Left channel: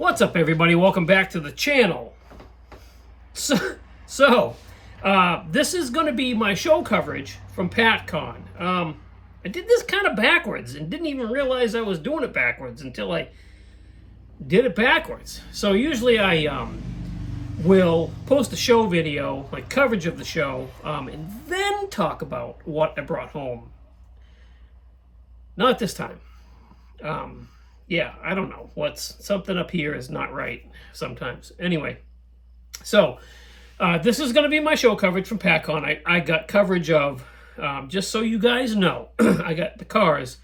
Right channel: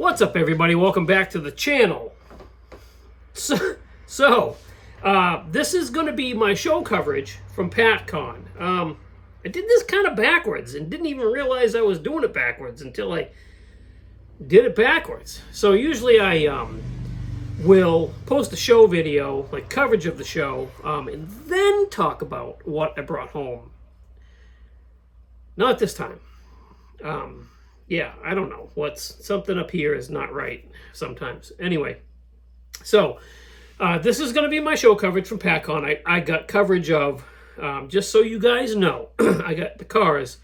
What's up, everybody? Welcome back to the channel. So this is going to be my show coverage from Patcon. I did this kind of backwards and didn't even realize I was doing it backwards until I did it backwards. So usually I will post a show video, like coverage of the show, and then talk about what I brought home. Not this time. Yeah, I don't know. Something up here is not right sometimes. Anyway, so this is going to be my show coverage from Patcon. I got coverage of, just so you guys know, I got the cars,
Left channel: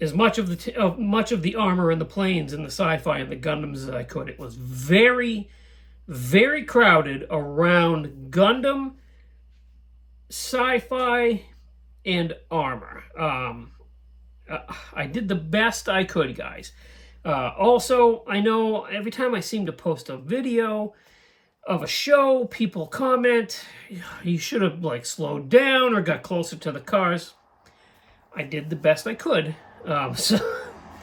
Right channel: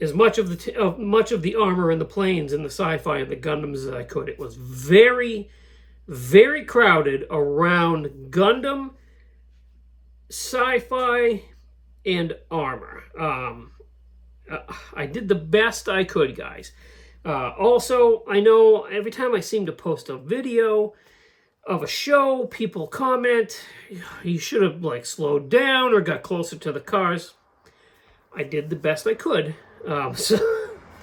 as much of the armor and the planes and the sci-fi and the Gundams as I could. It was very, very crowded around Gundam, sci-fi, and armor. I did the best I could, guys. Also, I know every time I seem to post a video of a show, people comment, you should have slowed down or got closer to the cars. I did the best I could. So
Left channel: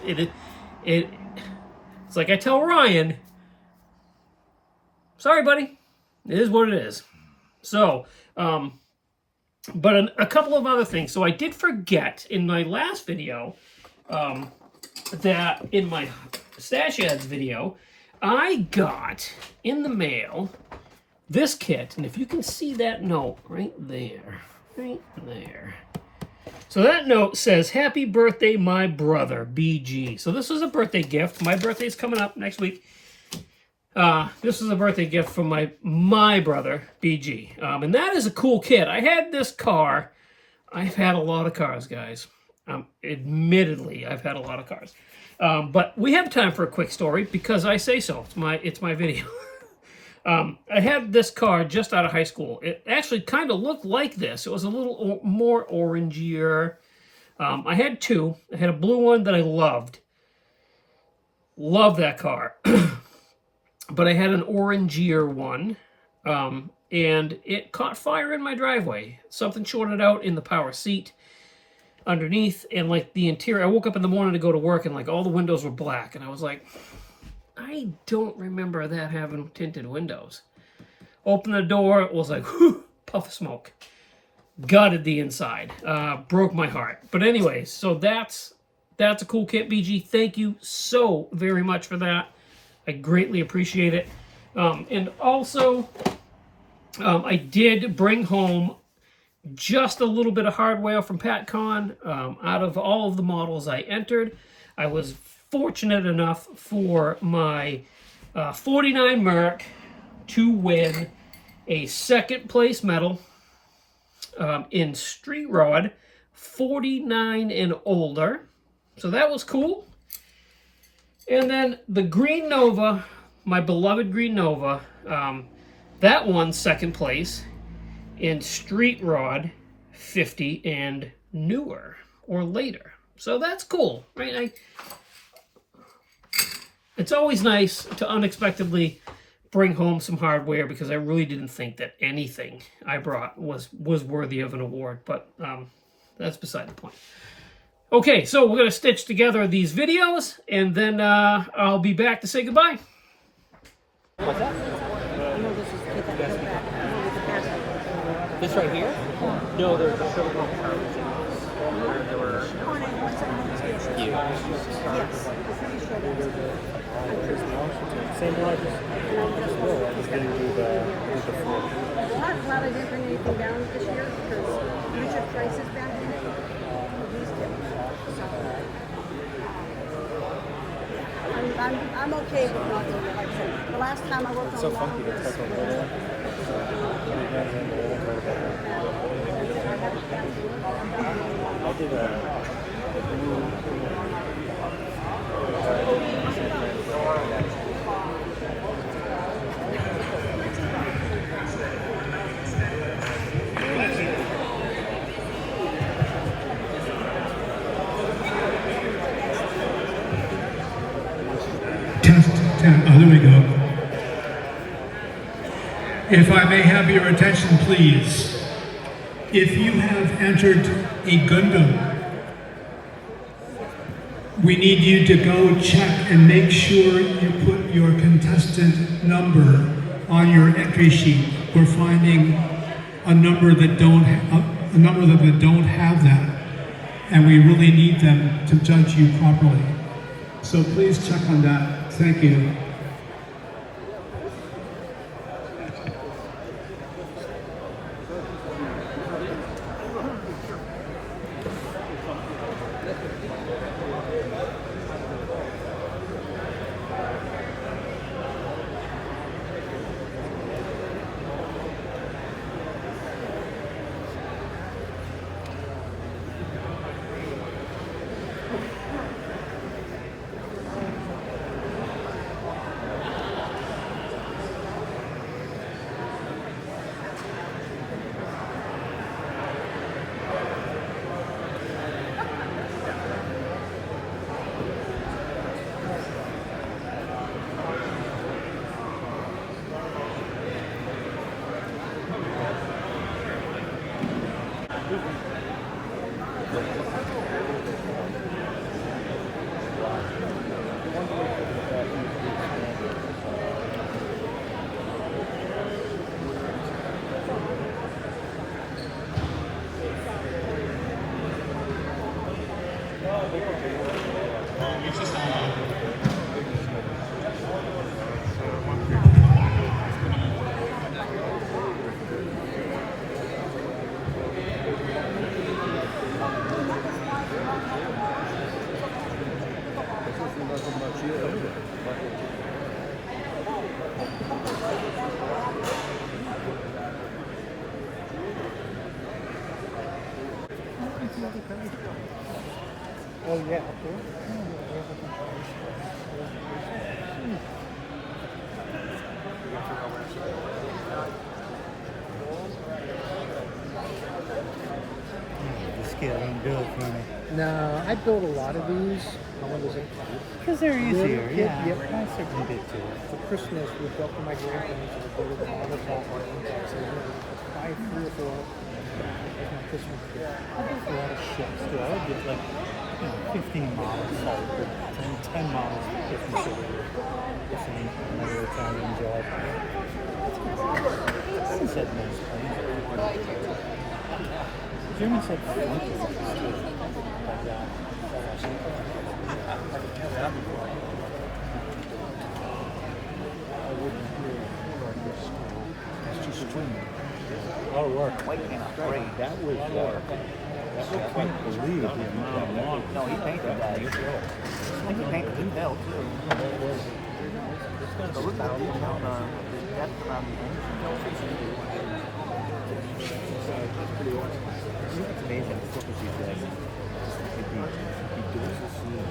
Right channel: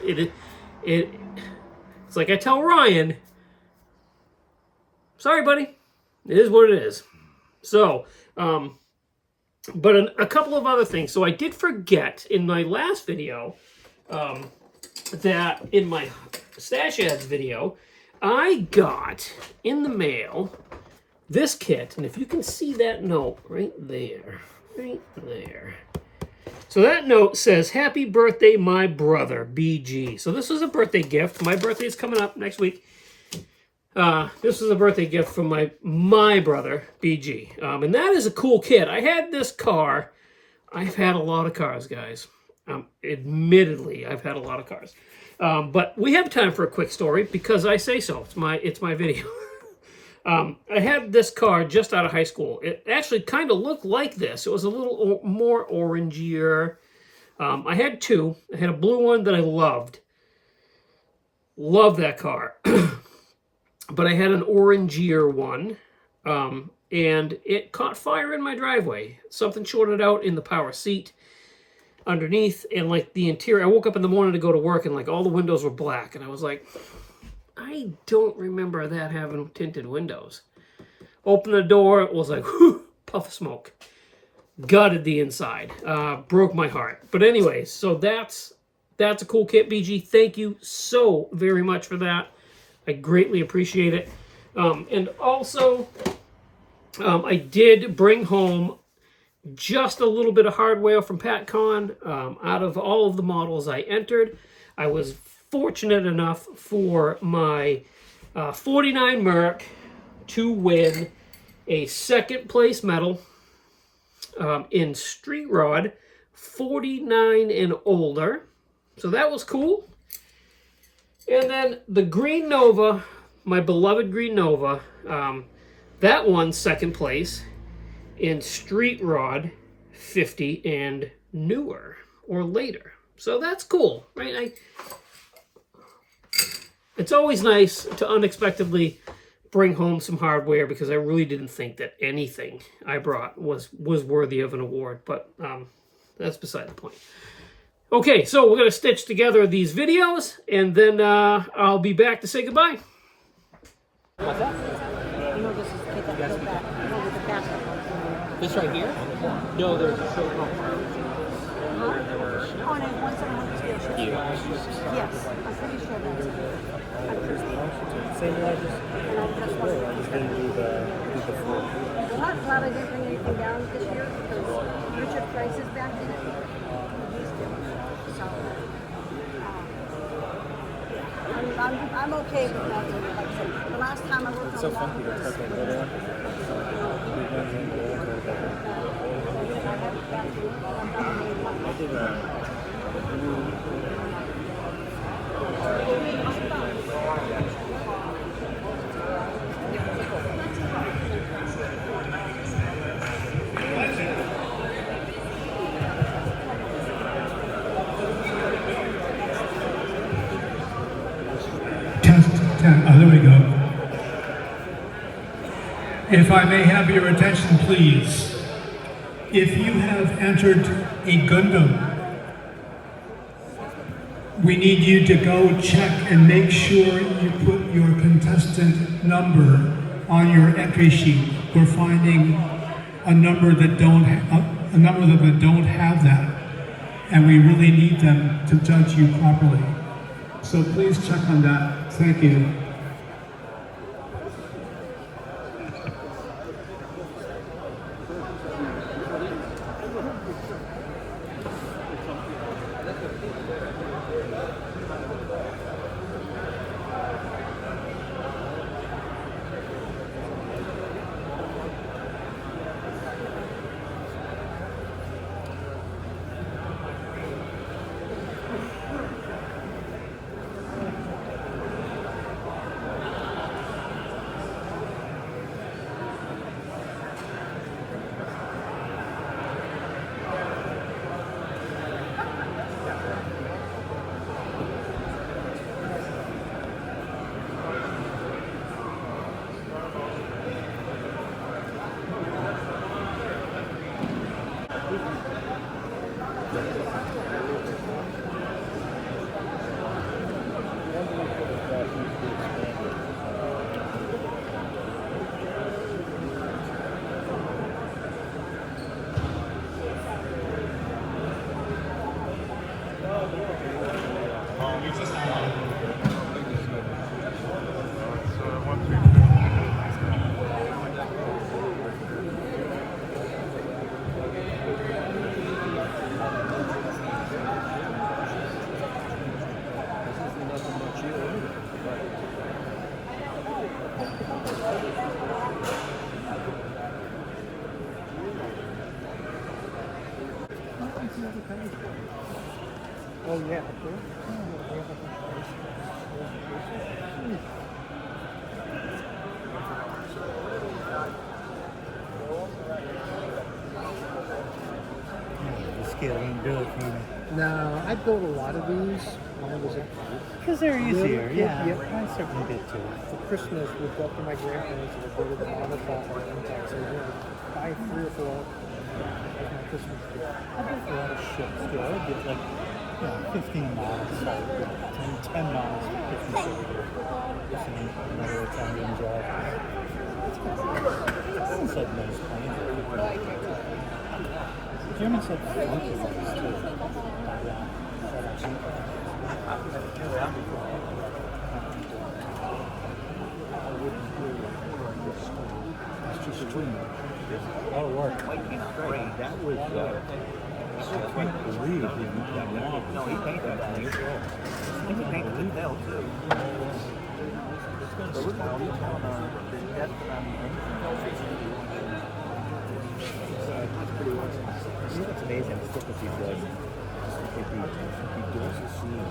it's like I tell Ryan, sorry, buddy, it is what it is. So, but a couple of other things. So I did forget in my last video that in my stash ads video, I got in the mail this kit. And if you can see that note right there. So that note says, "Happy birthday, my brother, BG." So this is a birthday gift. My birthday is coming up next week. This is a birthday gift from my brother, BG. And that is a cool kit. I had this car. I've had a lot of cars, guys. Admittedly, I've had a lot of cars. But we have time for a quick story because I say so. It's my video. I had this car just out of high school. It actually kind of looked like this. It was a little more orangier. I had two. I had a blue one that I loved. Loved that car. But I had an orangier one, and it caught fire in my driveway. Something shorted out in the power seat underneath, and the interior. I woke up in the morning to go to work, and all the windows were black, and I was like, I don't remember that having tinted windows. Opened the door, it was like, whew, puff of smoke. Gutted the inside. Broke my heart. But anyways, so that's a cool kit, BG. Thank you so very much for that. I greatly appreciate it. And also, I did bring home just a little bit of hardware from Patcon. Out of all of the models I entered, I was fortunate enough for my 49 Merc to win a second place medal in Street Rod 49 and older. So that was cool. And then the Green Nova, my beloved Green Nova, that won second place in Street Rod 50 and newer or later. So that's cool, right? It's always nice to unexpectedly bring home some hardware because I really didn't think that anything I brought was worthy of an award, but that's beside the point. Okay, so we're going to stitch together these videos, and then I'll be back to say goodbye. What's that? This right here? No, there's a show called they were huge. Same one, I just didn't do the full. Well, I probably didn't bring anything down this year because future prices back in it. I'm okay with not doing it. Like I said, the last time I worked It's on so funky to touch a little. I did a Oh, there we go. If I may have your attention, please. If you have entered a Gundam, we need you to go check and make sure you put your contestant number on your entry sheet. We're finding a number that don't have that, and we really need them to judge you properly. So please check on that. Thank you. Oh yeah, up there. The scale didn't do it for me. No, I built a lot of these. How long was it? Because they're easier, Little kid, yeah. yep. I certainly did too. For Christmas, we built for my grandparents and we built the model shop in Texas. Buy 3 or 4 as my Christmas gift. I built a lot of ships too. I would get like, 15 models, so 10 models for Christmas every year. Just another Italian job. Someone said nice planes. The German said funky ones too. It's just twin. Oh, Lord. That was I can't believe the amount of long. No, he painted that. I think he painted the bell too. So look at the detail on the depth around the engine. that's pretty awesome. You know what's amazing? The stuff that he does. He does the scene.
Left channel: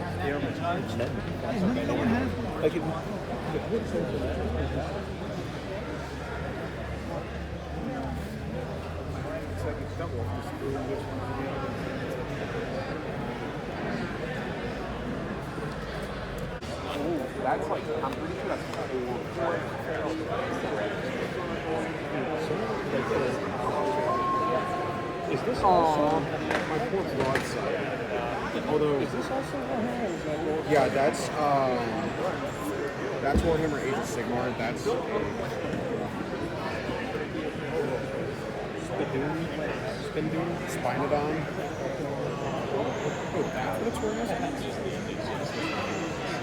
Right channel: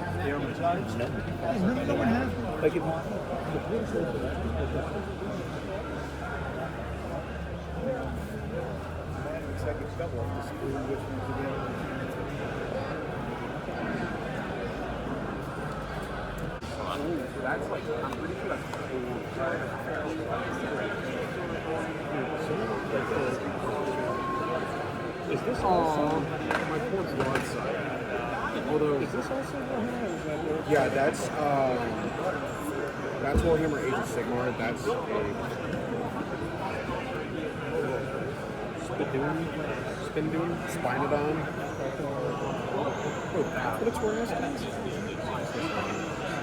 No one has. Like if It's like it's double. The screw which one's again. That's like, I'm pretty sure that's Is this also my poor broadside? Although is this also Warhammer? Or is that yeah, that's Warhammer Age of Sigmar. That's a Spindoon, Spinodon. Oh, that's what it's wearing as?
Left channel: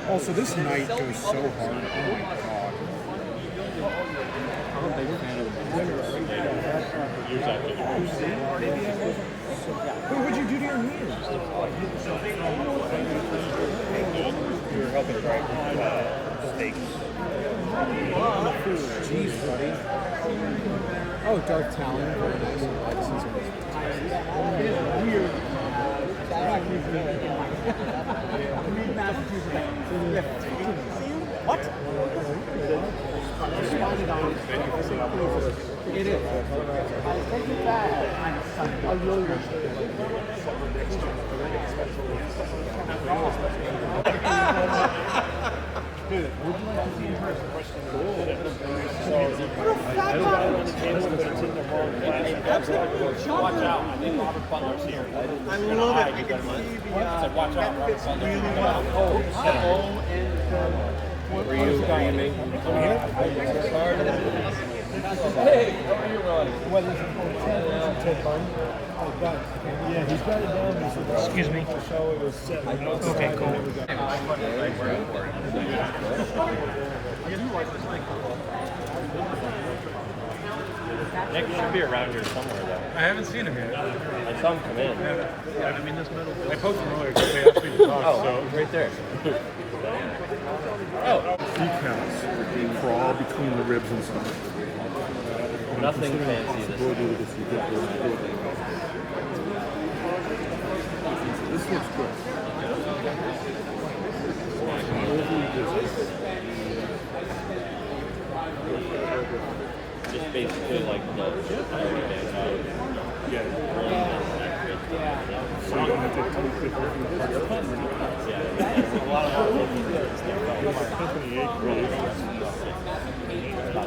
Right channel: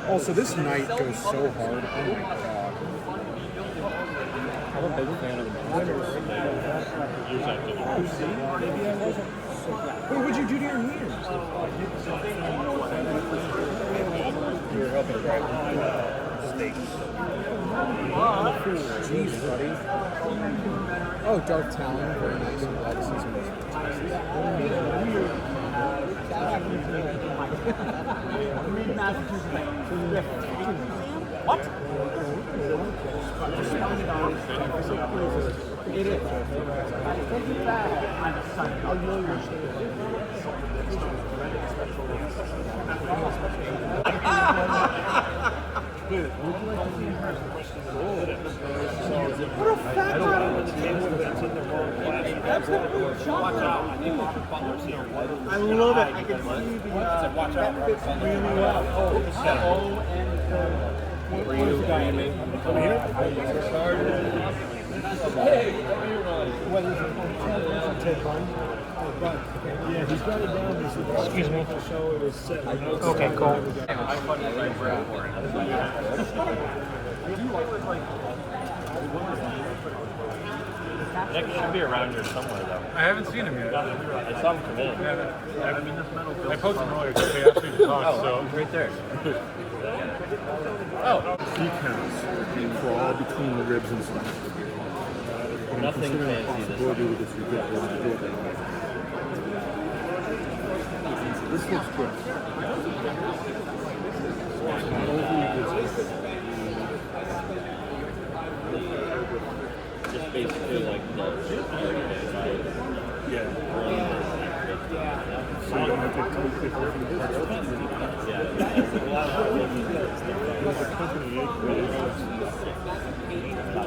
Oh, so this knight goes so hard. Oh my god. I'm a big fan of the Maybe I wasn't. Wait, what'd you do to your hands? We were helping drive steaks. Jeez, buddy. Oh, Dark Talon. Very nice. Legacies are What? It is. Take it back. I really wish Dude, would you like to see your first question? I don't know. It's in the wrong class. Yeah, he's got it down. Excuse me. So it was set. Okay, cool. Nick should be around here somewhere, though. I haven't seen him yet. I saw him come in. I mean, this metal building. I posted him earlier. They actually talked, Oh, so. he's right there. Oh, Decals crawl between the ribs and stuff. nothing fancy. Possibility with this ridiculous building. This looks good. just basically like the Yeah. So you don't have to take people from the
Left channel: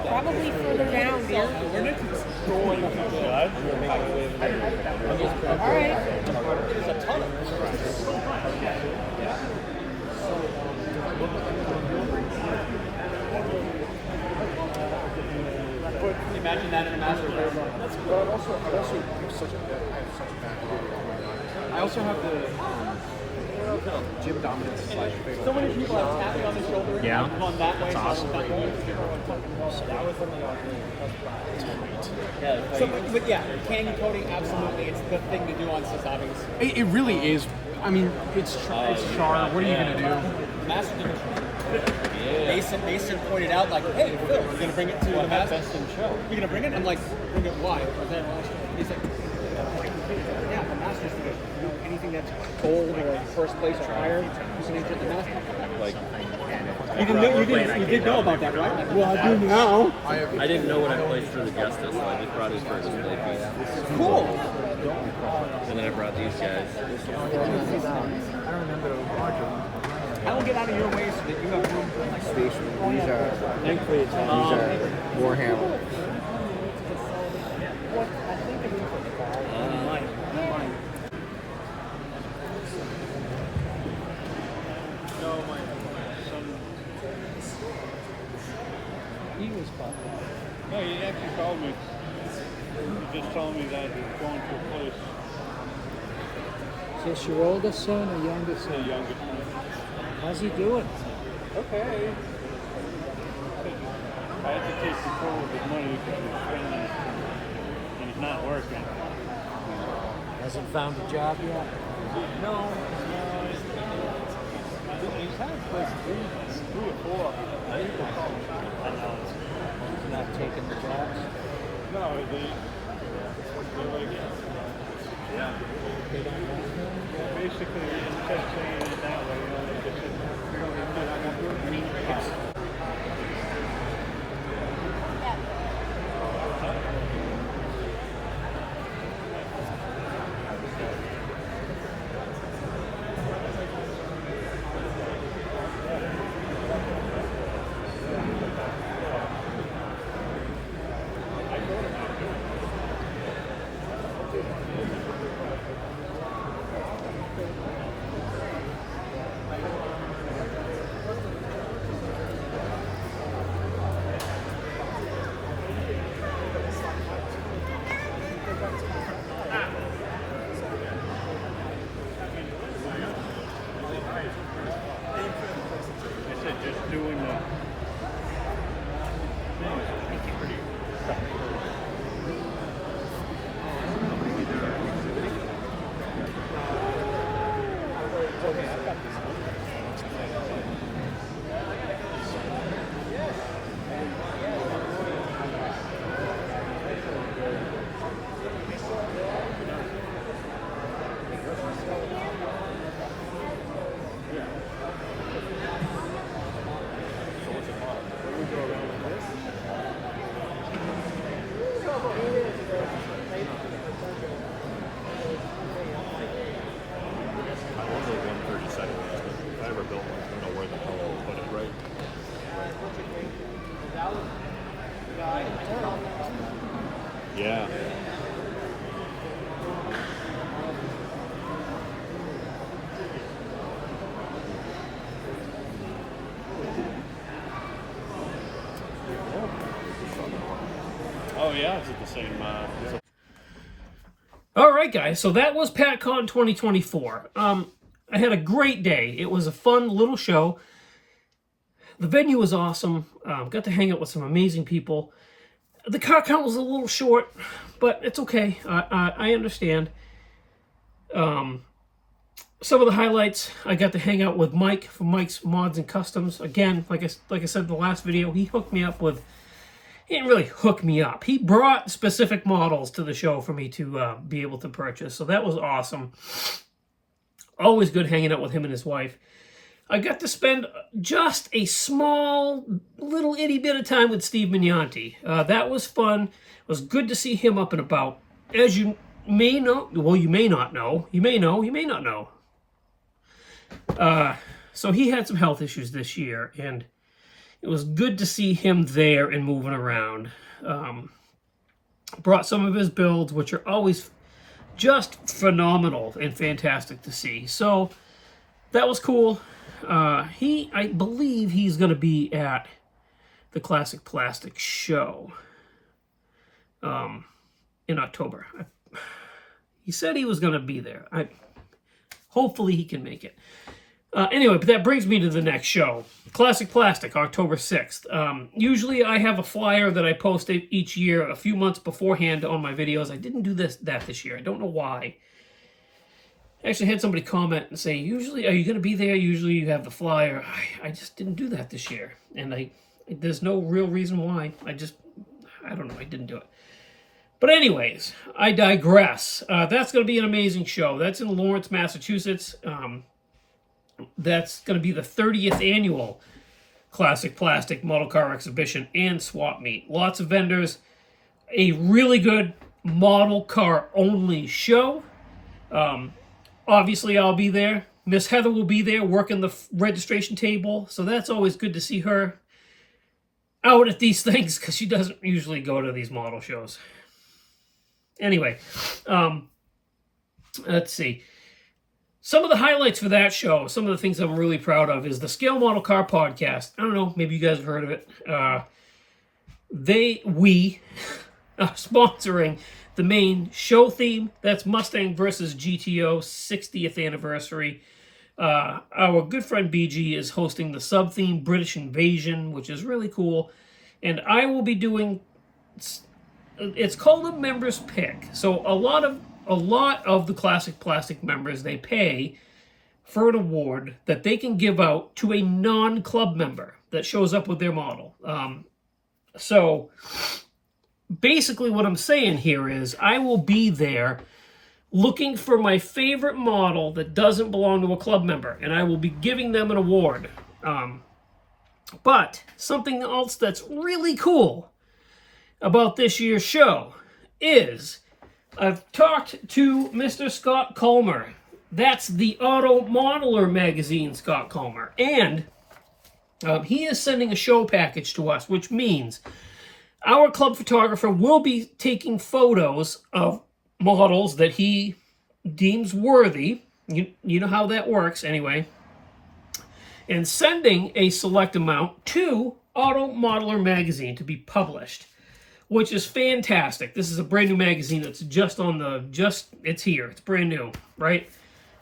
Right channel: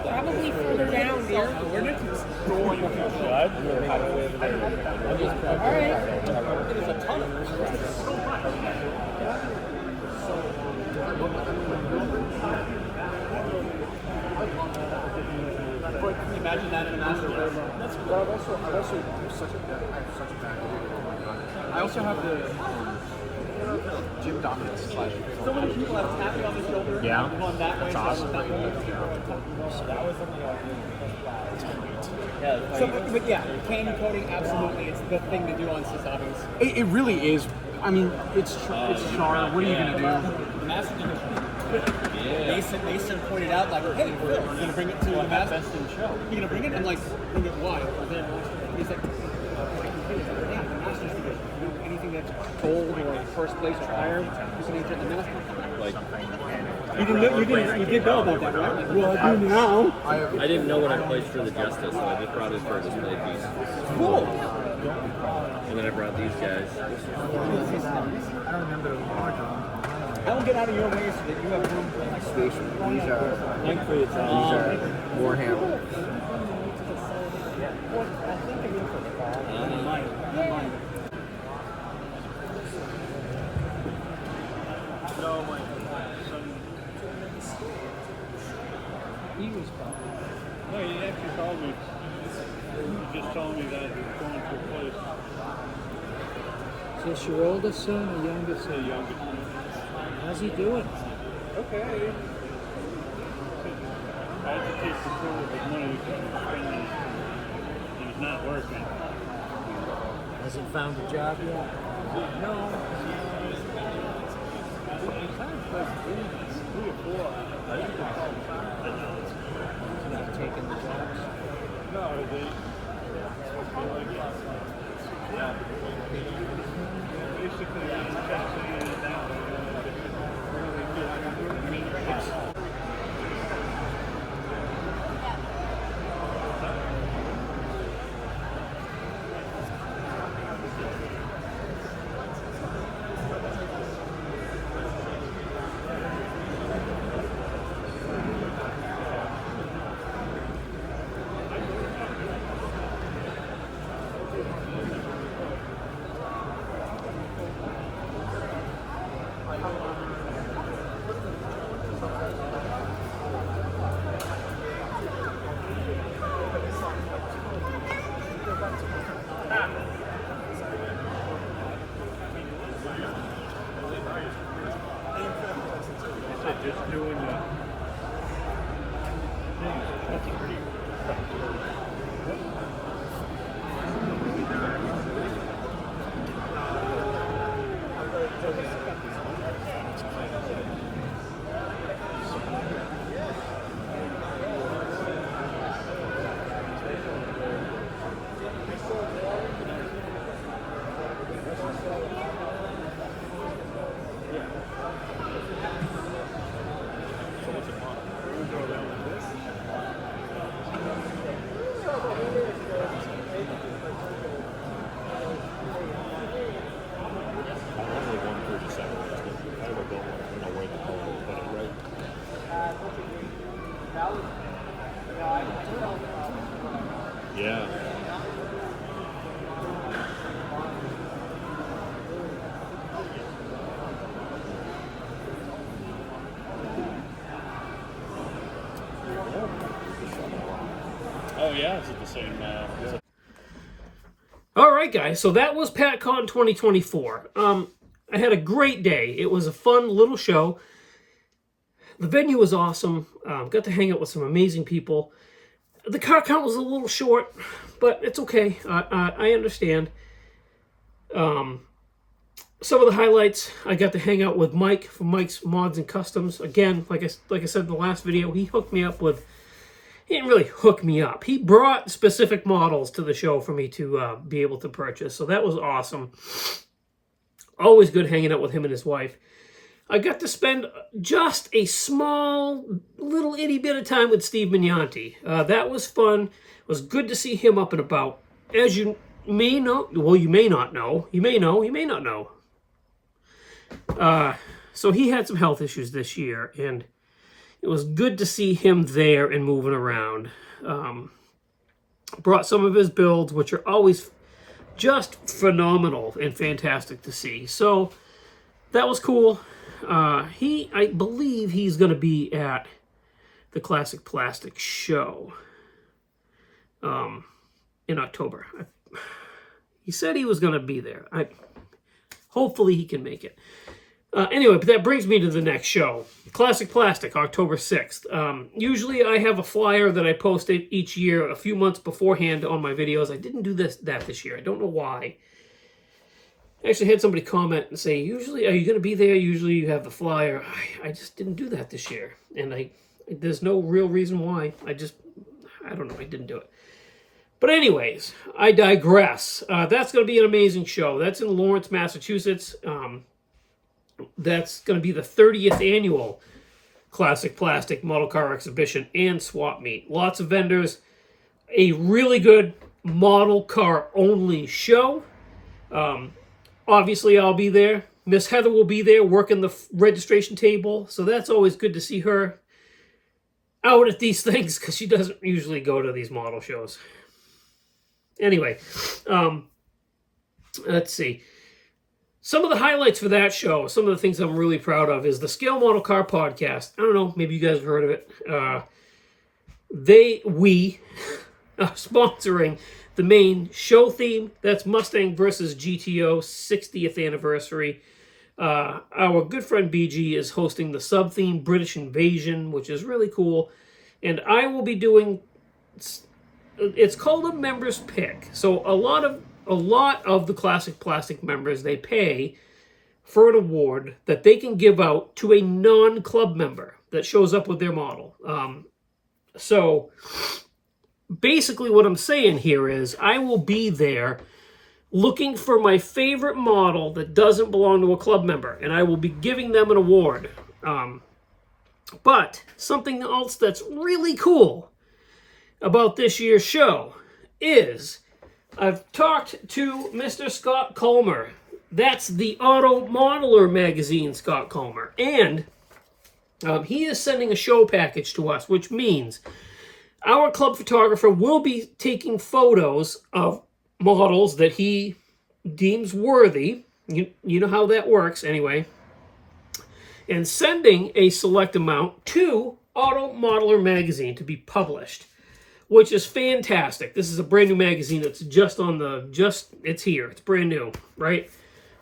Probably further down, dear. All right. Imagine that in a master version. Well, I also have such a bad I also have the gym dominance slash. So many people have tapping on the shoulder. Yeah. Going that way, so that way. yeah. So, but yeah, candy coating, absolutely. It's the thing to do on Sasabis. It really is. I mean, it's charm. What are you gonna do? The master didn't. Mason pointed out, like, hey, Phil, you're going to bring it to the master? Best in show. You're going to bring it? I'm like, bring it why? He's like, yeah, the master's going to do anything that's gold or first place or higher. He's going to get the master. Like, You did know about that, right? Like, well, I do now. I didn't know what I placed for the Justice, so I just brought his for a display piece. Cool. And then I brought these guys. I will get out of your way so that you have room for my space. These are Warhammer. I think I'm in for fall. Yeah. He was probably. Yeah, he actually called me. He just told me that he was going to a place. Is this your oldest son or youngest son? Youngest one. How's he doing? Okay. I had to take control of his money because he's spending it and he's not working. Hasn't found a job yet? No. He's had a place 3 or 4. Not taking the jobs? No, they yeah. Basically, he kept saying it now. Just doing the that's pretty. I love the 137 ones, but if I ever built one, I don't know where the hell I would put it. Right. Yeah. Oh yeah, is it the same? Is it... All right, guys. So that was Patcon 2024. I had a great day. It was a fun little show. The venue was awesome. Got to hang out with some amazing people. The car count was a little short, but it's okay. I understand. Some of the highlights, I got to hang out with Mike from Mike's Mods and Customs. Again, like I said in the last video, he hooked me up with... He didn't really hook me up. He brought specific models to the show for me to be able to purchase. So that was awesome. Always good hanging out with him and his wife. I got to spend just a small, little itty bit of time with Steve Mignanti. That was fun. It was good to see him up and about. As you may know, well, you may not know. You may know, you may not know. So he had some health issues this year, and it was good to see him there and moving around. Brought some of his builds, which are always just phenomenal and fantastic to see. So that was cool. I believe he's going to be at the Classic Plastic show in October. He said he was going to be there. Hopefully he can make it. Anyway, but that brings me to the next show. Classic Plastic, October 6th. Usually I have a flyer that I post each year a few months beforehand on my videos. I didn't do that this year. I don't know why. I actually had somebody comment and say, usually, are you going to be there? Usually you have the flyer. I just didn't do that this year. And there's no real reason why. I don't know. I didn't do it. But anyways, I digress. That's going to be an amazing show. That's in Lawrence, Massachusetts. That's going to be the 30th annual Classic Plastic Model Car Exhibition and Swap Meet. Lots of vendors. A really good model car only show. Obviously, I'll be there. Miss Heather will be there working the registration table. So that's always good to see her out at these things because she doesn't usually go to these model shows. Anyway, let's see. Some of the highlights for that show, some of the things I'm really proud of, is the Scale Model Car Podcast. I don't know, maybe you guys have heard of it. We are sponsoring the main show theme. That's Mustang versus GTO 60th anniversary. Our good friend BG is hosting the sub-theme British Invasion, which is really cool. And I will be doing... It's called a member's pick. So a lot of the Classic Plastic members, they pay for an award that they can give out to a non-club member that shows up with their model. So basically what I'm saying here is I will be there looking for my favorite model that doesn't belong to a club member, and I will be giving them an award. But something else that's really cool about this year's show is I've talked to Mr. Scott Comer. That's the Auto Modeler magazine, Scott Comer. And he is sending a show package to us, which means our club photographer will be taking photos of models that he deems worthy. You know how that works anyway. And sending a select amount to Auto Modeler magazine to be published, which is fantastic. This is a brand new magazine that's it's here. It's brand new, right?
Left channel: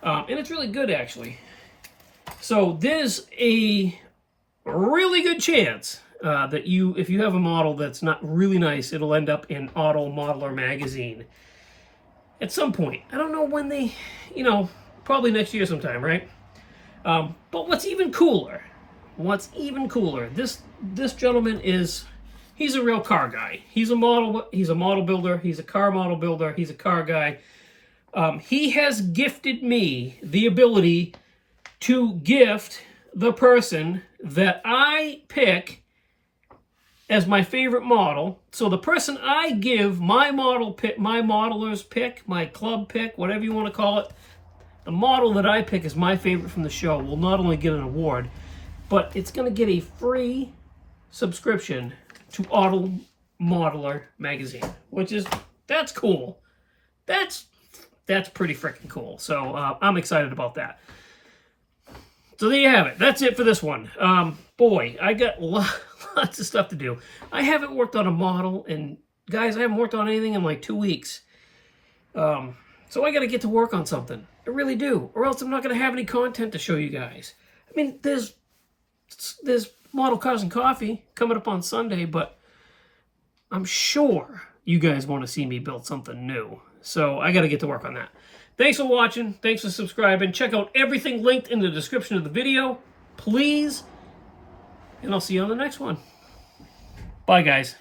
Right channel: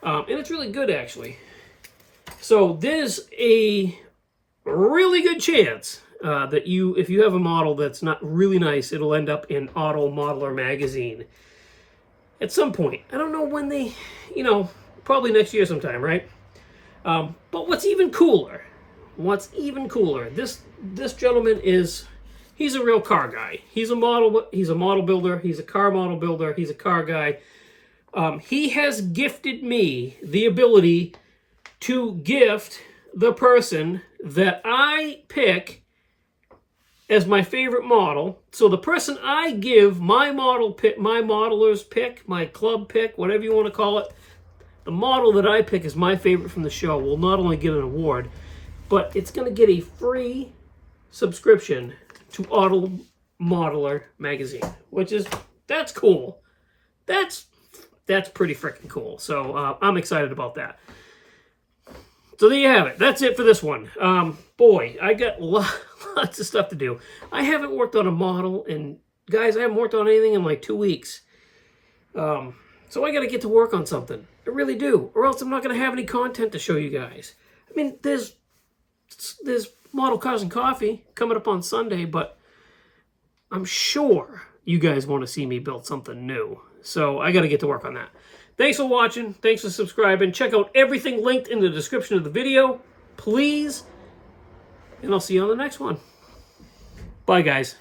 And it's really good, actually. So there's a really good chance that if you have a model that's not really nice, it'll end up in Auto Modeler magazine at some point. I don't know when they, probably next year sometime, right? But what's even cooler, this gentleman he's a real car guy. He's a model builder, he's a car model builder, he's a car guy. He has gifted me the ability to gift the person that I pick as my favorite model. So the person I give my model pick, my modeler's pick, my club pick, whatever you want to call it, the model that I pick as my favorite from the show will not only get an award, but it's going to get a free subscription to Auto Modeler magazine, that's cool. That's pretty freaking cool. So I'm excited about that. So there you have it. That's it for this one. Boy, I got lots of stuff to do. I haven't worked on a model in guys, I haven't worked on anything in like 2 weeks. So I got to get to work on something. I really do. Or else I'm not going to have any content to show you guys. I mean, there's Model Cars and Coffee coming up on Sunday, but I'm sure you guys want to see me build something new. So I got to get to work on that. Thanks for watching. Thanks for subscribing. Check out everything linked in the description of the video, please. And I'll see you on the next one. Bye, guys.